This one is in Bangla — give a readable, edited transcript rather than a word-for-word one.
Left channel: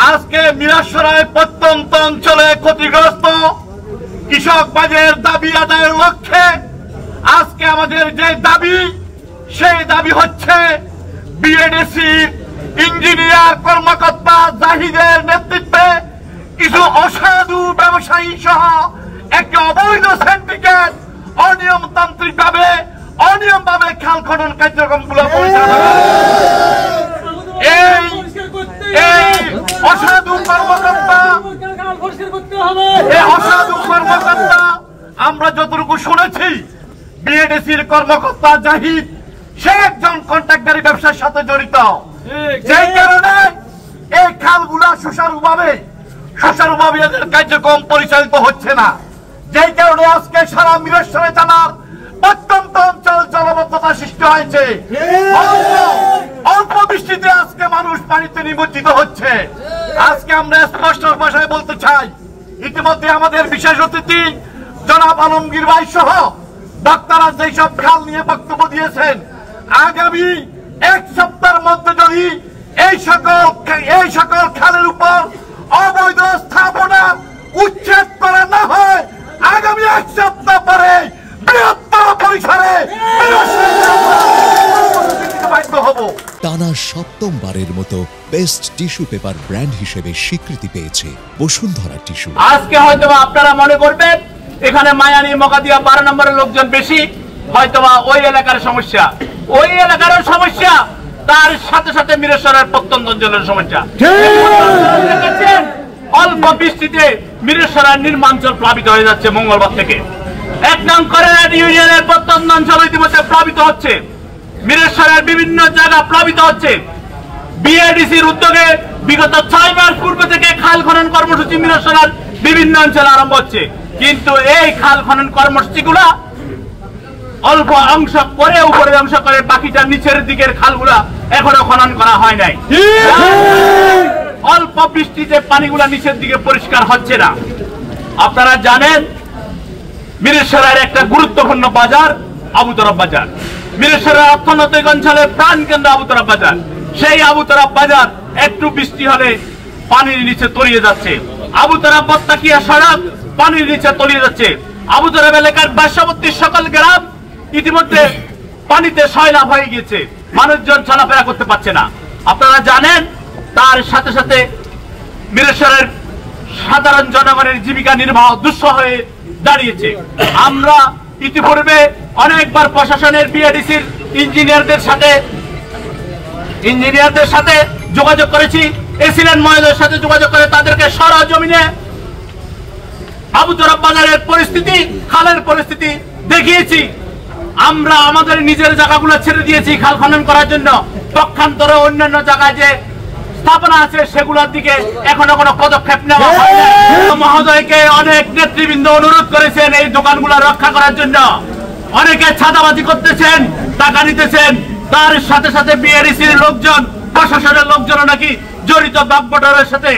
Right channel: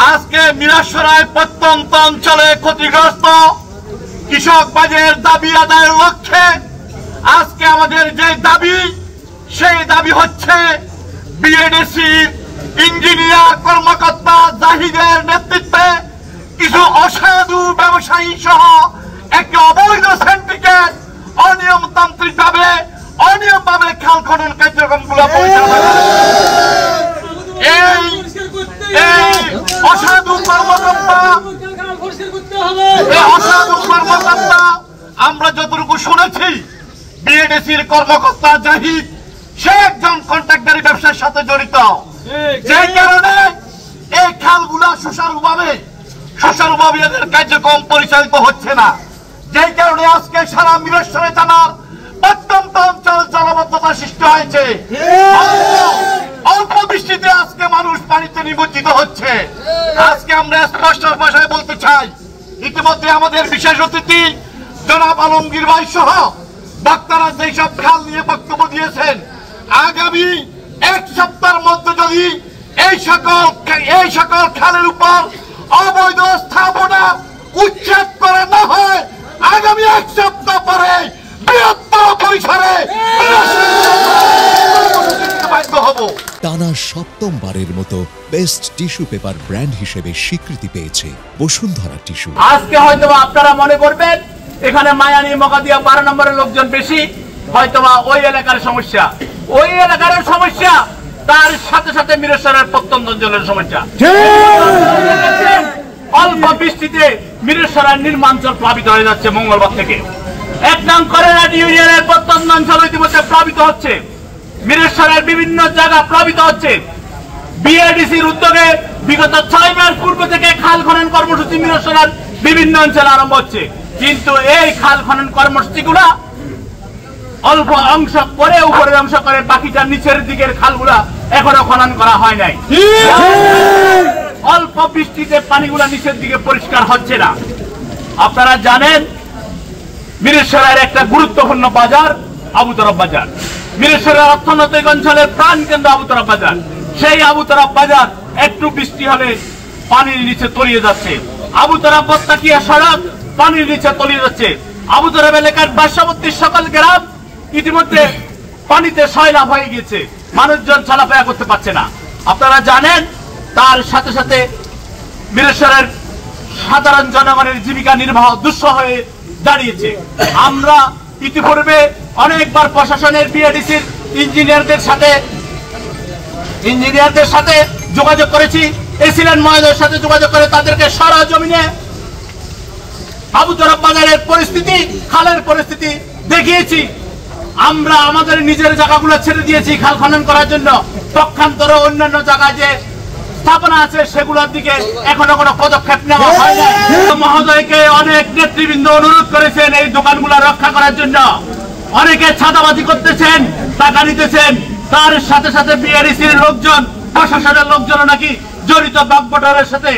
আজকে মিরসরাই প্রত্যন্ত অঞ্চলে ক্ষতিগ্রস্ত কৃষক বাজের দাবি আদায়ের লক্ষ্যে আজকে আমাদের যে দাবি, সেই দাবি হচ্ছে বিএডিসি ইঞ্জিনিয়ার কর্মকর্তা জাহিদের নেতৃত্বে কিছু অসাধু ব্যবসায়ী সহ একটি অবৈধ সিন্ডিকেট অনিয়মতান্ত্রিকভাবে অনিয়মভাবে খাল খনন কার্যক্রমগুলো পরিচালনা করে। এই অসাধু কর্মকর্তা আমরা যতটুকু শুনেছি, বিএডিসির কর্মকর্তা জাহিদ সে একজন কন্ট্রাক্টরি ব্যবসার সাথে জড়িত, যেই কারণে এই খালগুলা সুচারুভাবে এদের কার্যক্রম পরিচালিত হচ্ছে না, যেই কারণে আজকে সারা মিরসরাই থানার প্রত্যন্ত অঞ্চল জলবদ্ধতা সৃষ্টি হয়েছে। অল্প বৃষ্টিতে আজকে মানুষ পানিতে নিমজ্জিত হচ্ছে। আজকে আমরা স্পষ্ট ভাষায় বলতে চাই, ইতিমধ্যে আমাদের বিশেষ অতিথি জনাব আলমগীর ভাই সহ বক্তারা যেসব খাল নিয়ে বক্তব্য দিয়েছেন, আগামী এক সপ্তাহের মধ্যে যদি এই সকল খালের উপর অবৈধ স্থাপনা উচ্ছেদ করা না হয়, আগামী এক সপ্তাহ পরে বৃহত্তর পরিসরে বাধ্য হব। টানা সপ্তমবারের মতো বেস্ট টিস্যু পেপার ব্র্যান্ড হিসেবে স্বীকৃতি পেয়েছে বসুন্ধরা টিস্যু। আজকে হয়তো আপনারা মনে করবেন এখানে মায়ানি মগাদিয়া 12 নম্বরের লোকজন বেশি, হয়তোবা ওই এলাকার সমস্যা, ওই এলাকার সমস্যা তার সাথে সাথে মিরসরাইয়ের প্রত্যন্ত অঞ্চলের সমস্যা। অল্প বৃষ্টিতে মিরসরাই নির্মাঞ্চল প্লাবিত হয়ে যাচ্ছে। মঙ্গলবার থেকে 1 নং করেরাট ইউনিয়নের প্রত্যন্ত অঞ্চল ইতিমধ্যে প্লাবিত হচ্ছে, মিরসরাইয়ের বিভিন্ন জায়গা প্লাবিত হচ্ছে। বিএডিসির উদ্যোগে বিগত 6 মাস পূর্বে থেকে খাল খনন কর্মসূচি মিরসরাইয়ের বিভিন্ন অঞ্চলে আরম্ভ হচ্ছে, কিন্তু এই খাল খনন কর্মসূচিগুলা অল্প অংশ করে উপরে অংশ করে বাকিটা নিচের দিকের খালগুলা এখনো খনন করা হয় নাই। অল্প বৃষ্টিতে পানিগুলা নিচের দিকে পরিষ্কার হচ্ছে না। আপনারা জানেন মিরসরাইয়ের একটা গুরুত্বপূর্ণ বাজার আবুতরফ বাজার, মিরসরাই অর্থনৈতিক অঞ্চলের প্রাণ কেন্দ্র আবুতরফ বাজার। সেই আবুতরফ বাজার একটু বৃষ্টি হলে পানির নিচে তলিয়ে যাচ্ছে। আবুতরফ বত্তাকিয়া সড়ক পানির নিচে তলিয়ে যাচ্ছে। আবুতরফ এলাকার পার্শ্ববর্তী সকল গ্রাম ইতিমধ্যে পানিতে সয়লাভ হয়ে গেছে, মানুষজন চলাফেরা করতে পারছে না। আপনারা জানেন তার সাথে সাথে মিরসরাইয়ের সাধারণ জনগণের জীবিকা নির্বাহ দুঃসহ হয়ে দাঁড়িয়েছে। আমরা ইতিপূর্বে অনেকবার প্রশাসনের বিএডিসির ইঞ্জিনিয়ারদের সাথে যোগাযোগ করেছি, এসিলেন মহোদয়ের সাথে যোগাযোগ করে তাদেরকে সরজমিনে আবুতরফ বাজারের পরিস্থিতি, খালের পরিস্থিতি দেখিয়েছি। আমরা আমাদের নিজের জায়গাগুলো ছেড়ে দিয়েছি খাল খনন করার জন্য। পক্ষান্তরে অন্যান্য জায়গায় যে স্থাপনা আছে সেগুলোর দিকে এখনো কোনো পদক্ষেপ নেওয়া হয় না। মহোদয়কে অনেক নেতৃবৃন্দ অনুরোধ করেছেন এই দোকানগুলো রক্ষা করার জন্য। অনেকে ছাদাবাজি করতেছেন, টাকা নিতেছেন, তার সাথে সাথে বিএডিসির লোকজন, প্রশাসনের লোকজন নাকি জড়িত বাগবটারের সাথে